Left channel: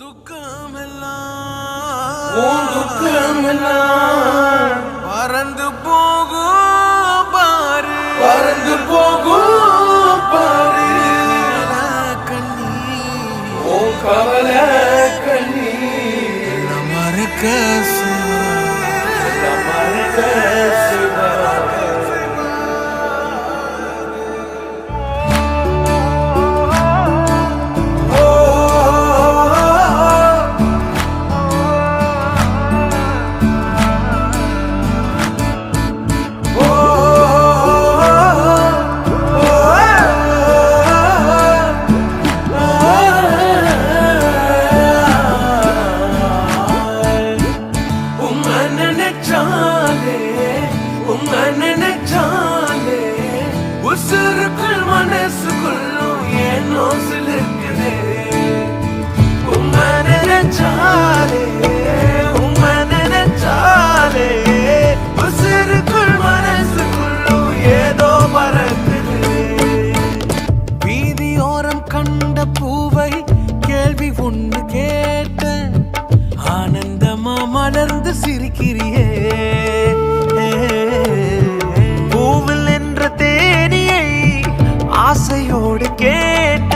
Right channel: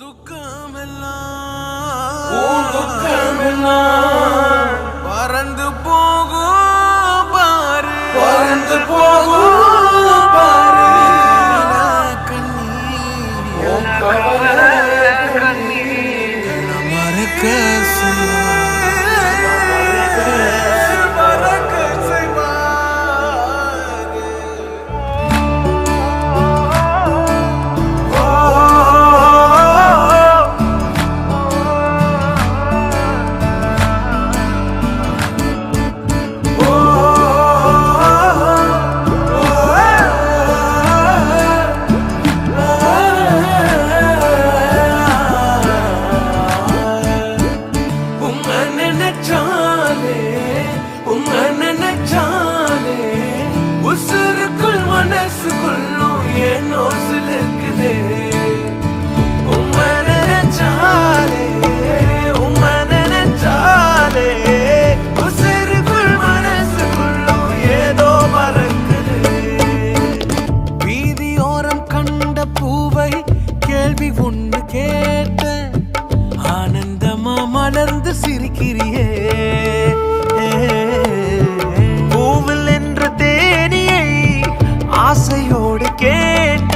துக்கமெல்லாம் பறந்து போகும் பாரு, பறந்து போகும் பாரு. கண்ணீர் மறக்க உசுருக்குள் மனசுக்குள்ளும் ஏனோ சிலிருக்குதே. உம்மை நினைச்சாலே உம்மை நினைச்சாலே உசுருக்குள் மனசுக்குள்ளும் ஏதோ பறக்குது. வீதியோரம் கண்ட பூவை கேள்வி ஒண்ணு கேட்ட ஆனந்தமா மலர்ந்து சிரிக்கிறியே. பூவில் என்ற தேனியை ஆசையோடு கேட்ட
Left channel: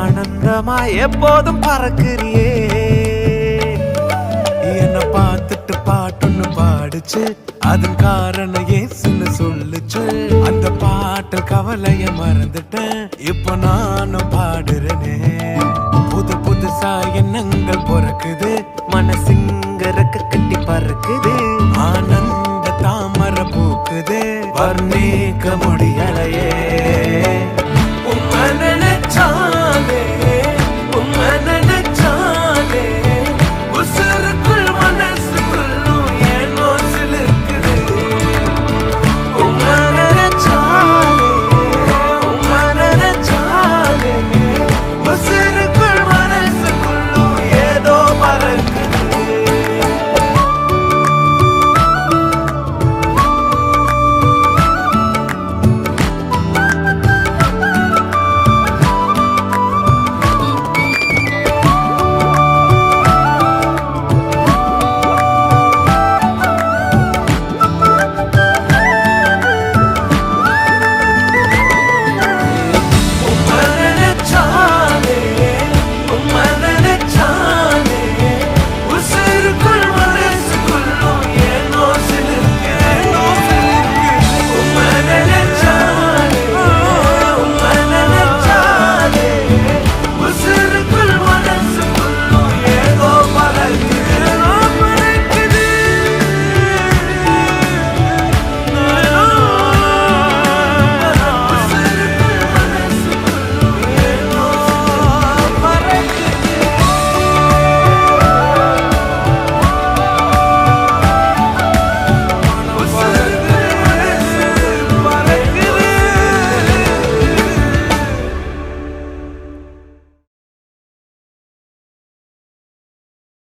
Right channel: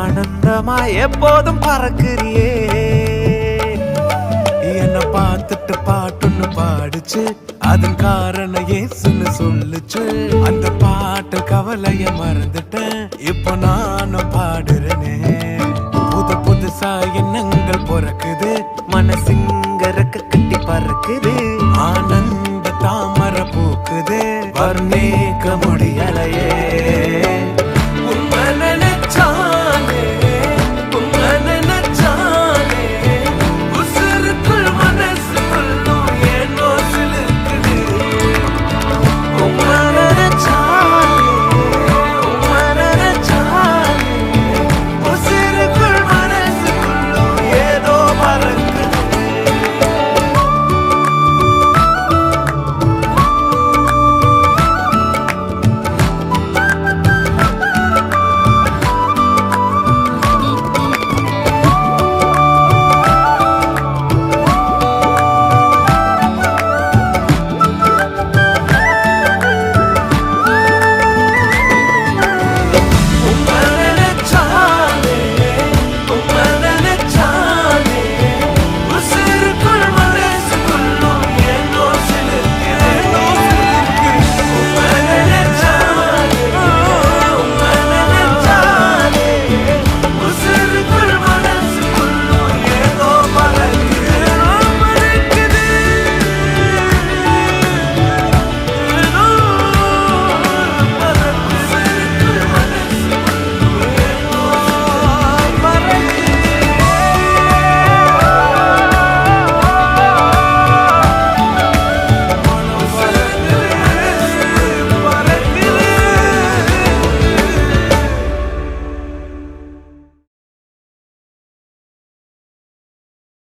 ஆனந்தமா எப்போதும் பறக்கிறியே. என்ன பார்த்துட்டு பாட்டொன்னு பாடுச்சு, அதன் காரணம் ஏசுன்னு சொல்லுச்சு. அந்த பாட்டு கவலைய மறந்துட்டேன், இப்போ நானும் பாடுறேனே. புது புதுசா எண்ணங்கள் பிறக்குது, மனசிங்க ரெக்க கட்டி பறக்குது. ஆனந்த தாமரை பூக்குது, வர்ணிக்க முடியலையே.